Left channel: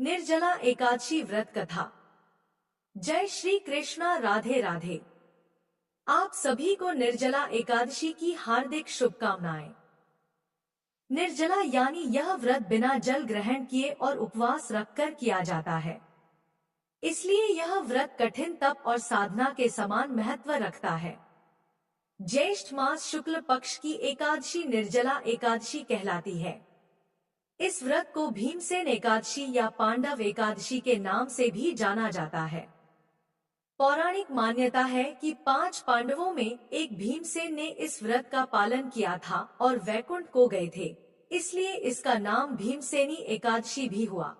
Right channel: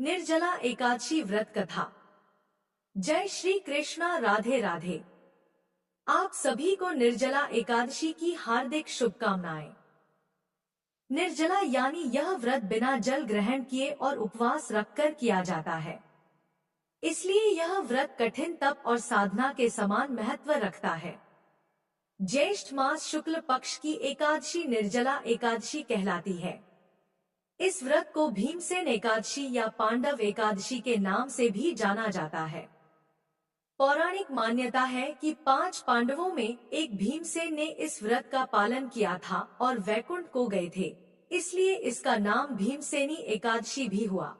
निर्जला एकादशी व्रत कथा। जय श्री कृष्णा, राधे राधे। आप सभी को निर्जला एकादशी की हार्दिक शुभकामनाएं। निर्जला यानी यह व्रत बिना जल ग्रहण किए और उपवास रखकर किया जाता है। इसलिए यह व्रत कठिन तप और साधना के समान महत्व रखता है। ज्येष्ठ मास शुक्ल पक्ष की एकादशी निर्जला एकादशी कहलाती है। इस व्रत को भीमसेन एकादशी या पांडव एकादशी के नाम से भी जाना जाता है। पौराणिक मान्यता है कि 5 पांडवों में एक भीमसेन ने इस व्रत का पालन किया था और वैकुंठ को गए थे, इसलिए इसका नाम भीमसेनी एकादशी भी हुआ।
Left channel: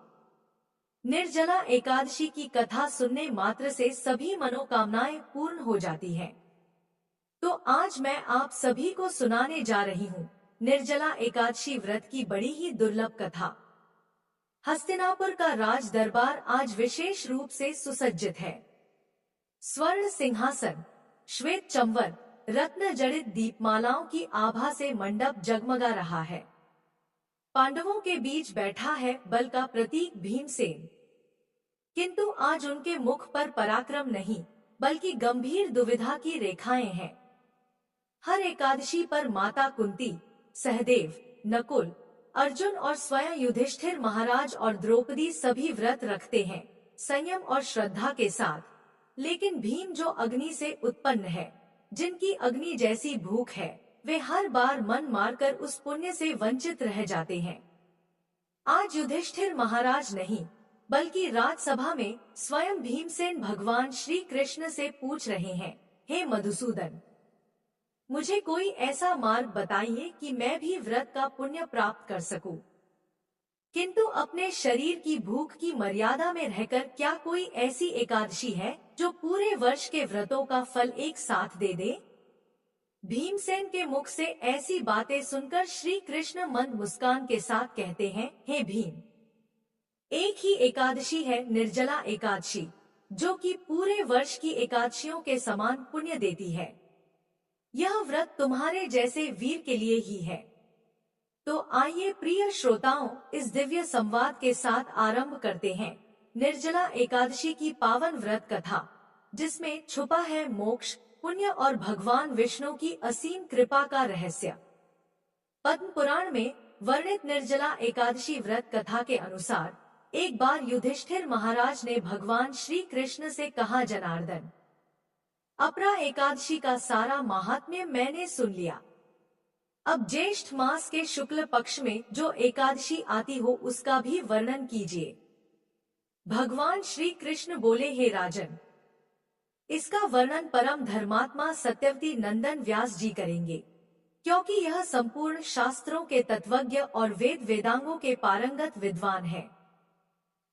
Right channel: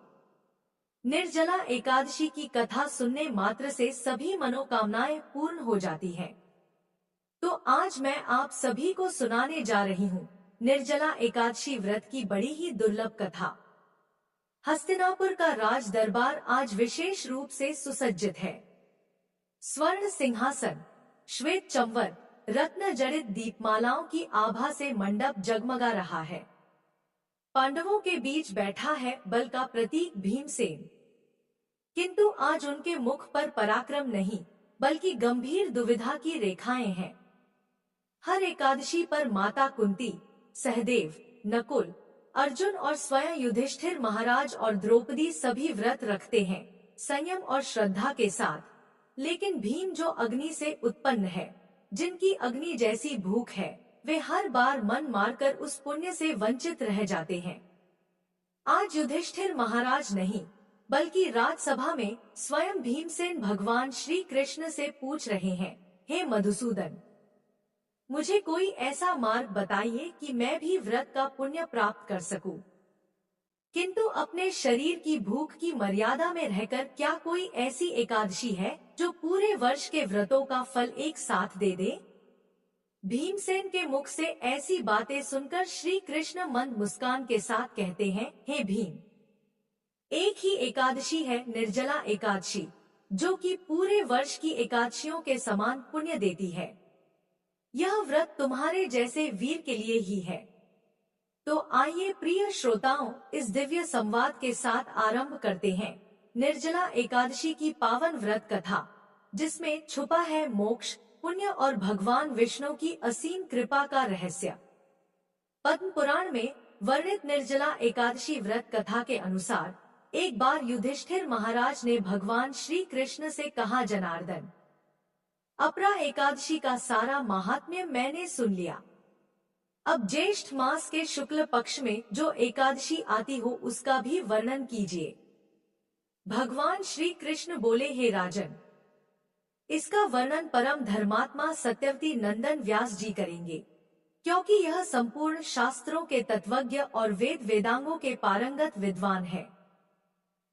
निर्जला एकादशी की कथा सुनने मात्र से सभी मनोकामनाएं पूर्ण हो जाती हैं। तो आज मैं आप सभी को सुनाने जा रही हूँ निर्जला एकादशी व्रत की बड़ी ही दुर्लभ कथा। हस्तिनापुर का राज दरबार आज विशेष रूप से सुसज्जित है। स्वर्ण सिंहासन, श्वेत चंवर, रत्न जड़ित दीपमालाओं की आभा से मंडप जगमगा रहा है। पांडवों के बीच बैठा है बल का प्रतीक भीमसेन। किंतु आज उनके मुख पर पराक्रम नहीं, बल्कि गंभीर दुविधा की रेखाएं हैं। हर एकादशी पर माता कुंती, सहदेव, नकुल, अर्जुन और स्वयं युधिष्ठिर महाराज और द्रौपदी सभी व्रत रखते हैं, संयम और श्रद्धा के साथ। लेकिन भीम जो अग्नि से उत्पन्न है, जिनकी अग्नि जैसी भूख है, वे हर बार मन मारकर उस पुण्य से वंचित रह जाते हैं। आज युधिष्ठिर महाराज नहीं, बल्कि राजसभा में स्वयं भीमसेन भगवान श्री कृष्ण से पूछ रहे हैं, हे मधुसूदन, मुझे कोई ऐसा मार्ग बताइए कि मैं भी व्रत का पुण्य प्राप्त कर सकूं। किंतु अपने शरीर की भूख की मर्यादा में रहकर क्या कोई ऐसी एकादशी है जो पूरे वर्ष के व्रतों का फल एक साथ दे दे? भीमसेन के मुख से ऐसी बातें सुनकर श्री कृष्ण मंद मुस्कान के साथ कहते हैं, हे भीम, एक ही एकादशी है निर्जला एकादशी, जो कि पूरे वर्ष की एकादशियों के समान पुण्य देती है। यह व्रत तुम्हारे जैसे वीर के लिए ही है। तो आइए प्रिय श्रोताओं, इस दिव्य संवाद के साथ आरंभ करते हैं निर्जला एकादशी की पावन व्रत कथा, जिसमें छुपा है मोक्ष, पुण्य और भगवान विष्णु की असीम कृपा का रहस्य। पद्म पुराण में वर्णित निर्जला एकादशी व्रत कथा के अनुसार एक बार युधिष्ठिर महाराज ने भगवान श्री कृष्ण से कहा, जनार्दन, अपरा एकादशी का सारा महात्म्य मैंने सुन लिया। अब ज्येष्ठ मास के शुक्ल पक्ष में जो एकादशी आती हो उसका भी वर्णन कीजिए। भगवान श्री कृष्ण बोले, हे राजन, इसका वर्णन परम धर्मात्मा सत्यवती नंदन व्यास जी करेंगे, क्योंकि यह संपूर्ण शास्त्रों के तत्वज्ञ और वेद वेदांगों के पारंगत विद्वान है।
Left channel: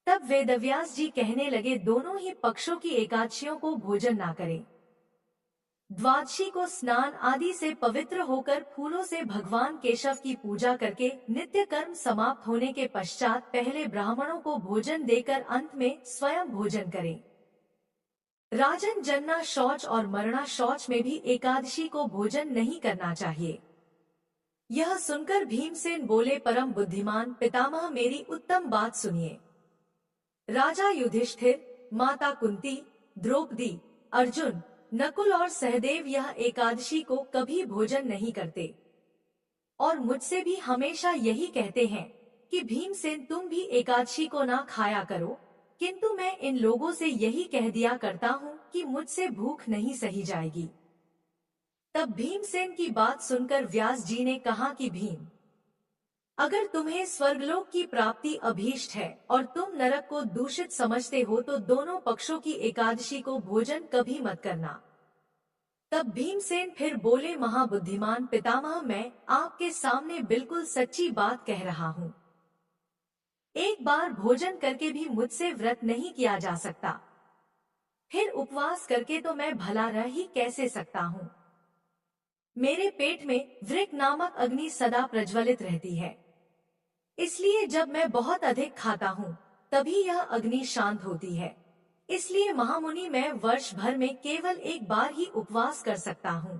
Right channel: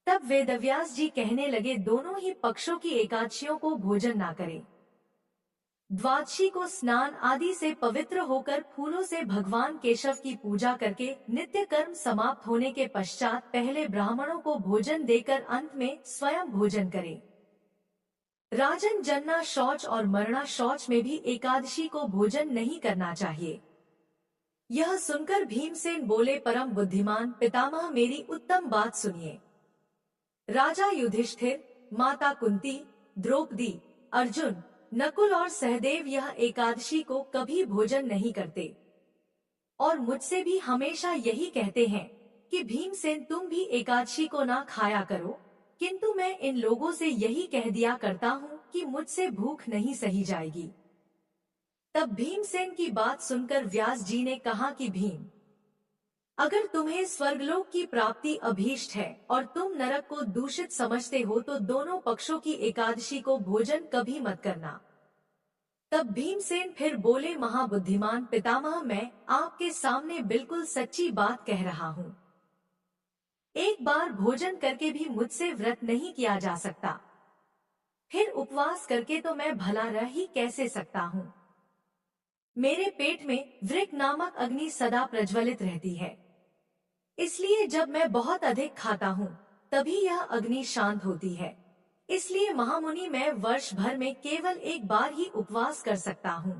तब वेदव्यास जी कहने लगे, दोनों ही पक्षों की एकादशियों को भोजन ना करें। द्वादशी को स्नान आदि से पवित्र होकर फूलों से भगवान केशव की पूजा करके नित्य कर्म समाप्त होने के पश्चात पहले ब्राह्मणों को भोजन देकर अंत में स्वयं भोजन करें। राजन, जन्ना शौच और मरना शौच में भी एकादशी को भोजन नहीं करना चाहिए। यह सुनकर भीमसेन बोले, परम बुद्धिमान पितामह, मेरी उत्तम बात सुनिए। राजा युधिष्ठिर, माता कुंती, द्रौपदी, अर्जुन, नकुल और सहदेव यह एकादशी को कभी भोजन नहीं करते और मुझसे भी हमेशा यही कहते हैं कि भीमसेन, तुम भी एकादशी को ना खाया करो। किंतु मैं इन लोगों से यही कह दिया करता हूँ कि मुझसे भूख नहीं सही जाएगी। तब भीमसेन की बात सुनकर व्यास जी ने कहा कि भीम, अगर तुम्हें स्वर्गलोक की प्राप्ति अभीष्ट है और तुम नरक को दूषित समझते हो तो दोनों पक्षों की एकादशी को भोजन कभी मत करना। तब भीमसेन फिर बोले, महाबुद्धिमान पितामह, मैं आपके सामने बिल्कुल सच्ची बात कह रहा हूँ। एक बार भोजन करके भी मुझसे व्रत नहीं किया जा सकता, फिर उपवास करके तो मैं भला रह ही कैसे सकता हूँ। मेरे पेट में वृक नामक अग्नि सदा प्रज्वलित रहती है, इसलिए जब मैं बहुत अधिक खाता हूँ तभी यह अग्नि शांत होती है। इसलिए महामुनि, मैं वर्ष भर में केवल एक बार ही उपवास कर सकता हूँ,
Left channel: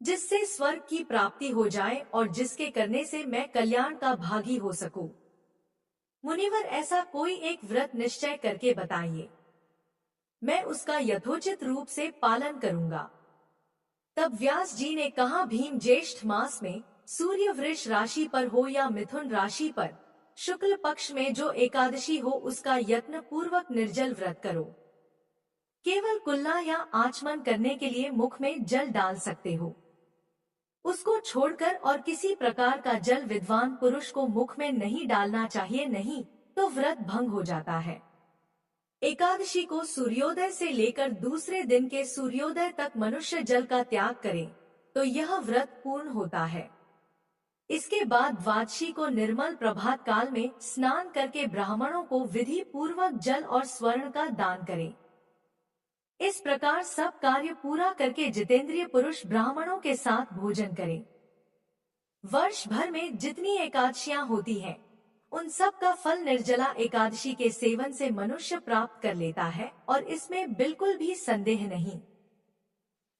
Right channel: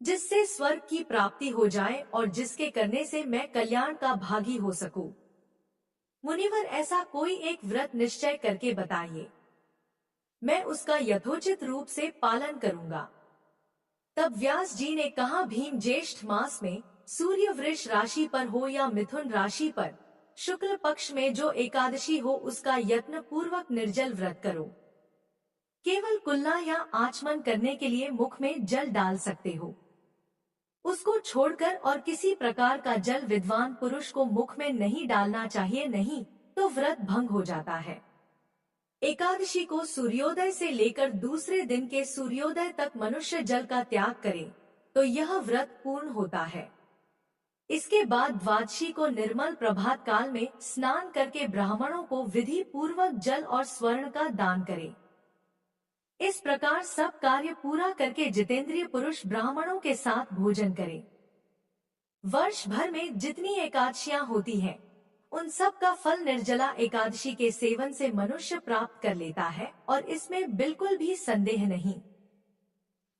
जिससे स्वर्ग की प्राप्ति हो जाए और जिसके करने से मैं कल्याण का भागी हो सकूं। मुनिवर, ऐसा कोई एक व्रत निश्चय करके बताइए, मैं उसका यथोचित रूप से पालन करूंगा। तब व्यास जी ने कहा, भीम ज्येष्ठ मास में सूर्य वृष राशि पर हो या मिथुन राशि पर शुक्ल पक्ष में जो एकादशी हो, उसका यत्न पूर्वक निर्जल व्रत करो। केवल कुल्ला या आचमन करने के लिए मुख में जल डाल सकते हो। उसको छोड़कर और किसी प्रकार का जल विद्वान पुरुष को मुख में नहीं डालना चाहिए, नहीं तो व्रत भंग हो जाता है। एकादशी को सूर्योदय से लेकर दूसरे दिन के सूर्योदय तक मनुष्य जल का त्याग करे तो यह व्रत पूर्ण होता है। इसके बाद द्वादशी को निर्मल प्रभात काल में स्नान करके ब्राह्मणों को विधि पूर्वक जल और स्वर्ण का दान करे। इस प्रकार सब कार्य पूरा करके जितेंद्रिय पुरुष ब्राह्मणों के साथ भोजन करे। वर्ष भर में जितनी एकादशियां होती हैं, उन सब का फल निर्जला एकादशी के सेवन से मनुष्य प्राप्त कर लेता है और इसमें बिल्कुल भी संदेह नहीं।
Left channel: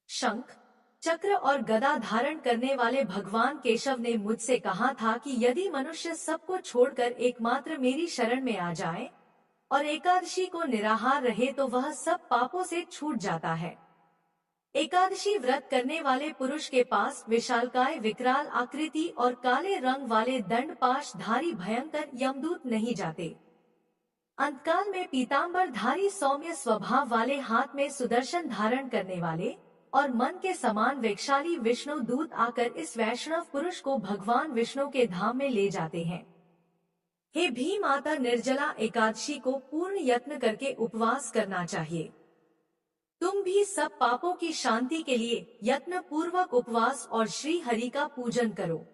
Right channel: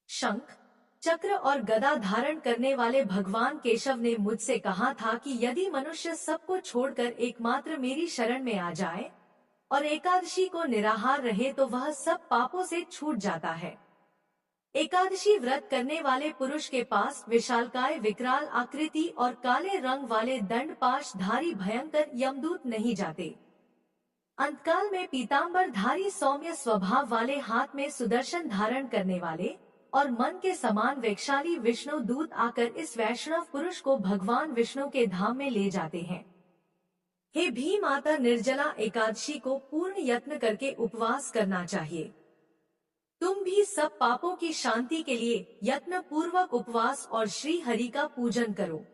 शंख, चक्र और गदा धारण करने वाले भगवान केशव ने मुझसे कहा था कि यदि मनुष्य सबको छोड़कर एकमात्र मेरी शरण में आ जाए और एकादशी को निराहार रहे तो वह सब पापों से छूट जाता है। एकादशी व्रत करने वाले पुरुष के पास विशालकाय विकराल आकृति और काले रंग वाले दंड पाशधारी भयंकर यमदूत नहीं जाते। अंतकाल में पीतांबर धारी सौम्य स्वभाव वाले, हाथ में सुदर्शन धारण करने वाले और मन के समान वेगशाली विष्णु दूत आकर इस वैष्णव पुरुष को भगवान विष्णु के धाम में ले जाते हैं। हे भीम, माता निर्जला एकादशी को पूर्ण यत्न करके उपवास करना चाहिए। तुम भी सब पापों की शांति के लिए यत्न पूर्वक उपवास और श्री हरि का पूजन करो।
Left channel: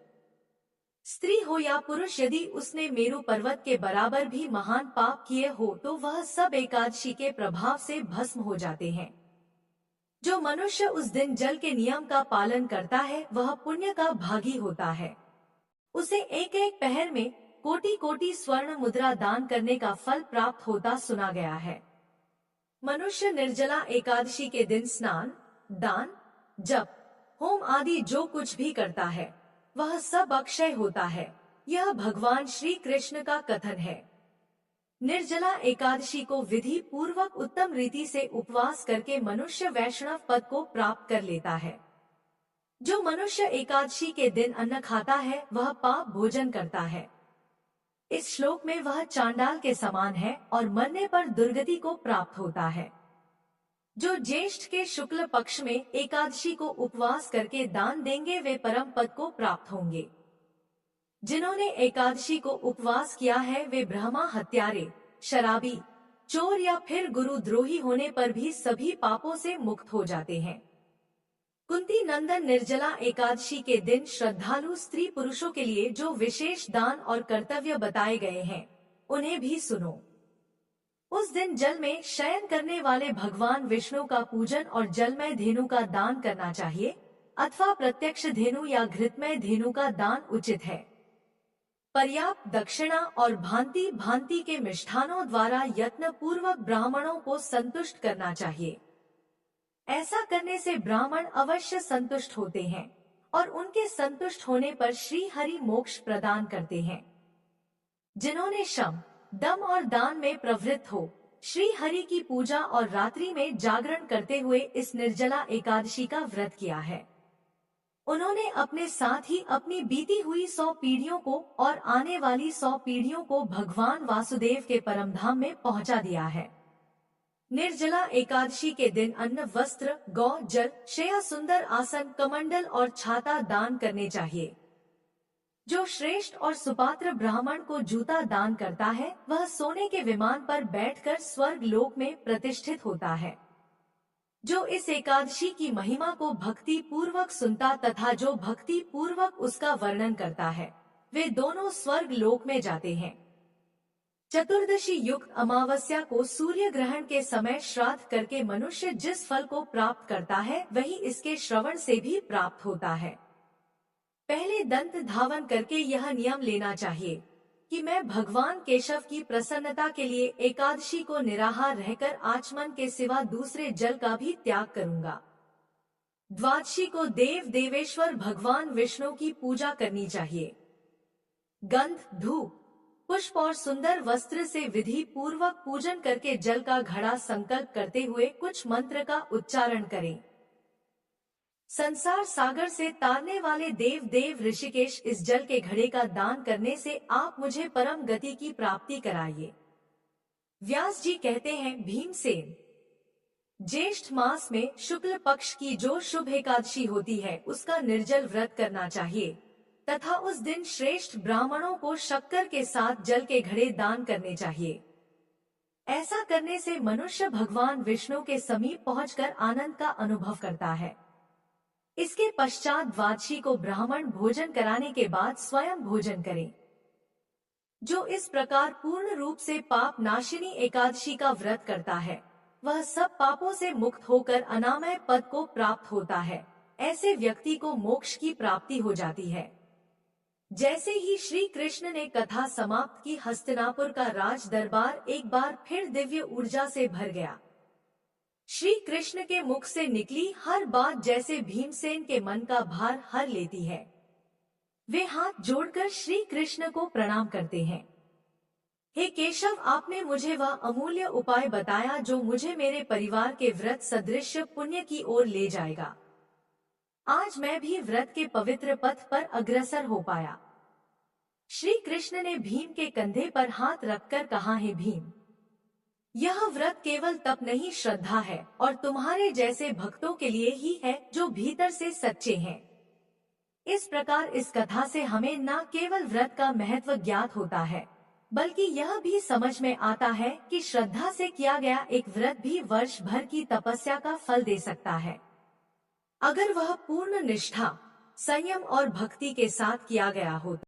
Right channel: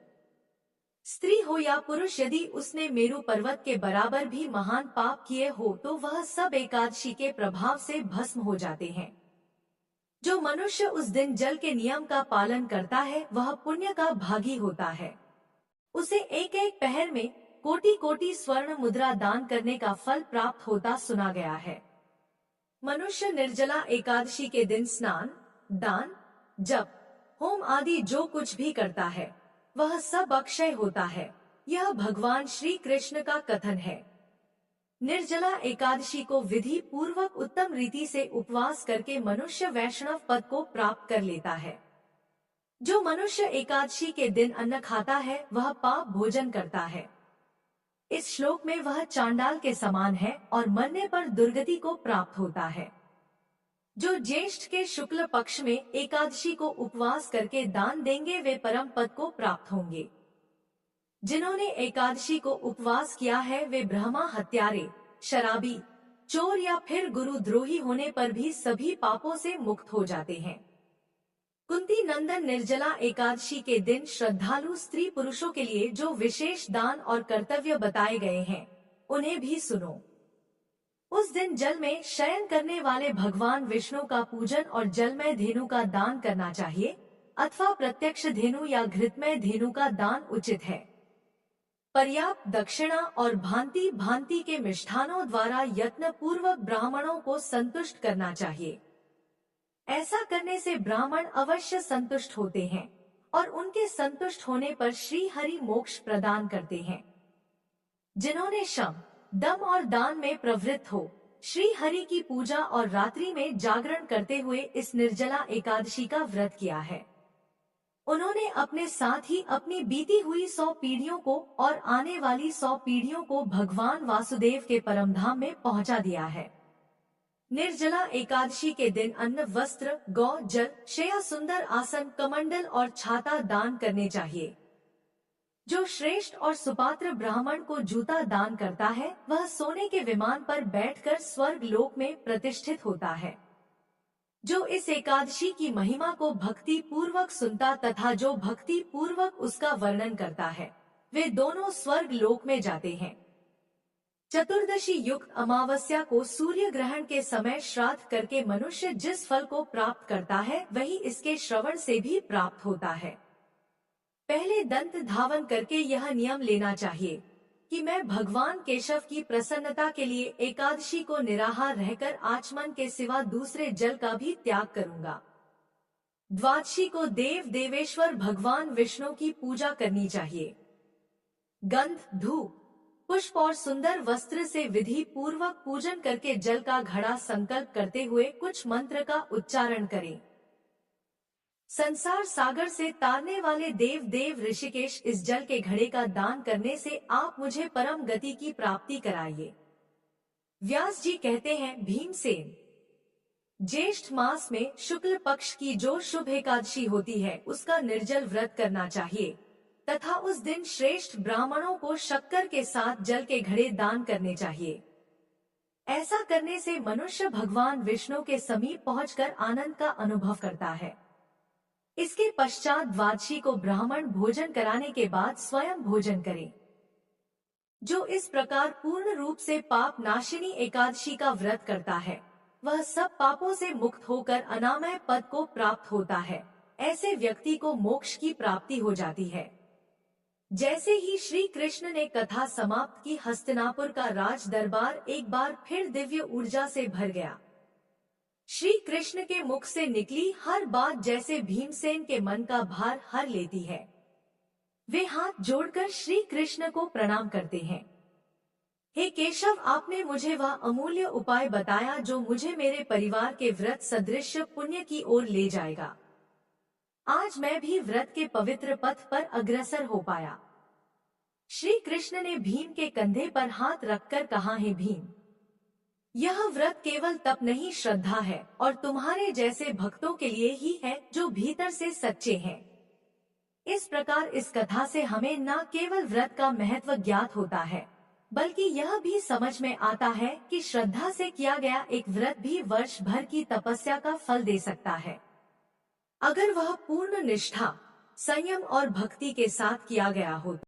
स्त्री हो या पुरुष, यदि उसने मेरु पर्वत के बराबर भी महान पाप किए हो तो वह सब एकादशी के प्रभाव से भस्म हो जाते हैं। जो मनुष्य उस दिन जल के नियम का पालन करता है वह पुण्य का भागी होता है। उसे एक एक पहर में कोटि कोटि स्वर्ण मुद्रा दान करने का फल प्राप्त होता सुना गया है। मनुष्य निर्जला एकादशी के दिन स्नान, दान, जप, होम आदि जो कुछ भी करता है वह सब अक्षय होता है। यह भगवान श्री कृष्ण का कथन है। निर्जला एकादशी को विधि पूर्वक उत्तम रीति से उपवास करके मनुष्य वैष्णव पद को प्राप्त कर लेता है। जो मनुष्य एकादशी के दिन अन्न खाता है वह पाप भोजन करता है। इस श्लोक में वह चांडाल के समान है और मरने पर दुर्गति को प्राप्त होता है। जो ज्येष्ठ के शुक्ल पक्ष में एकादशी को उपवास करके दान देंगे वे परम पद को प्राप्त होंगे। जिन्होंने एकादशी को उपवास किया है वे ब्रह्मा हत्यारे, शराबी, चोर या फिर गुरुद्रोही होने पर भी सभी पापों से मुक्त हो जाते हैं। कुंती नंदन, निर्जला एकादशी के दिन श्रद्धालु स्त्री पुरुषों के लिए जो विशेष दान और कर्तव्य बताए गए हैं उन्हें भी सुनो। उस दिन जल में शयन करने वाले भगवान विष्णु का पूजन और जलमय धेनु का दान करना चाहिए अथवा प्रत्यक्ष धेनु या घृतमय धेनु का दान उचित है। पर्याप्त दक्षिणा और भांति भांति के मिष्ठानों द्वारा यत्न पूर्वक ब्राह्मणों को संतुष्ट करना चाहिए। ऐसा करने से ब्राह्मण अवश्य संतुष्ट होते हैं और उनके संतुष्ट होने पर श्री हरि मोक्ष प्रदान करते हैं। जिन्होंने शम, दम और दान में प्रवृत्त हो श्री हरि की पूजा और रात्रि में जागरण करते हुए इस निर्जला एकादशी का व्रत किया है, उन्होंने अपने साथ ही अपनी बीती हुई 100 पीढ़ियों को और आने वाली 100 पीढ़ियों को भगवान वासुदेव के परमधाम में पहुंचा दिया है। निर्जला एकादशी के दिन अन्न, वस्त्र, गौ, जल, शया, सुंदर आसन, कमंडल और छाता दान करने चाहिए। जो श्रेष्ठ और सुपात्र ब्राह्मण को जूता दान करता है वह सोने के विमान पर बैठकर स्वर्ग लोक में प्रतिष्ठित होता है। जो इस एकादशी की महिमा को भक्ति पूर्वक सुनता तथा जो भक्ति पूर्वक उसका वर्णन करता है वे दोनों स्वर्ग लोक में जाते हैं। चतुर्दशी युक्त अमावस्या को सूर्य ग्रहण के समय श्राद्ध करके मनुष्य जिस फल को प्राप्त करता है वही इसके श्रवण से भी प्राप्त होता है। पहले दंत धावन करके यह नियम लेना चाहिए कि मैं भगवान केशव की प्रसन्नता के लिए एकादशी को निराहार रहकर आचमन के सिवा दूसरे जल का भी त्याग करूंगा। द्वादशी को देव देवेश्वर भगवान विष्णु की पूजा करनी चाहिए। गंध, धूप, पुष्प और सुंदर वस्त्र से विधि पूर्वक पूजन करके जल का घड़ा संकल्प करते हुए कुछ मंत्र का उच्चारण करें। संसार सागर से तारने वाले देव देव ऋषिकेश, इस जल के घड़े का दान करने से आप मुझे परम गति की प्राप्ति कराइए। व्यास जी कहते हैं, भीमसेन, ज्येष्ठ मास में शुक्ल पक्ष की जो शुभ एकादशी होती है उसका निर्जल व्रत करना चाहिए तथा उस दिन श्रेष्ठ ब्राह्मणों को शक्कर के साथ जल के घड़े दान करने चाहिए। ऐसा करने से मनुष्य भगवान विष्णु के समीप पहुंचकर आनंद का अनुभव करता है। इसके पश्चात द्वादशी को ब्राह्मण भोजन कराने के बाद स्वयं भोजन करें। जो इस प्रकार पूर्ण रूप से पाप नाशिनी एकादशी का व्रत करता है वह सब पापों से मुक्त होकर अनामय पद को प्राप्त होता है। ऐसे व्यक्ति को मोक्ष की प्राप्ति हो जाती है। जैसे ही श्री कृष्ण ने कथा समाप्त की, हस्तिनापुर का राज दरबार एक बार फिर दिव्य ऊर्जा से भर गया। श्री कृष्ण के मुख से निकली हर बात जैसे भीमसेन के मन का भार हर लेती है। वे हाथ जोड़कर श्री कृष्ण को प्रणाम करते हैं। हे केशव, आपने मुझे वह अमूल्य उपाय बताया जो मुझे मेरे परिवार के व्रत सदृश पुण्य की ओर ले जाएगा। आज मैं भी व्रत के पवित्र पथ पर अग्रसर हो पाया। श्री कृष्ण ने भीम के कंधे पर हाथ रखकर कहा, हे भीम, यह व्रत केवल तप नहीं, श्रद्धा है और तुम्हारे जैसे भक्तों के लिए ही है जो भीतर से सच्चे हैं। इस प्रकार इस कथा से हमें न केवल व्रत का महत्व ज्ञात होता है बल्कि यह भी समझ में आता है कि श्रद्धा से किया गया एक व्रत भी वर्ष भर की तपस्या का फल दे सकता है, अगर वह पूर्ण निष्ठा, संयम और भक्ति के साथ किया गया हो।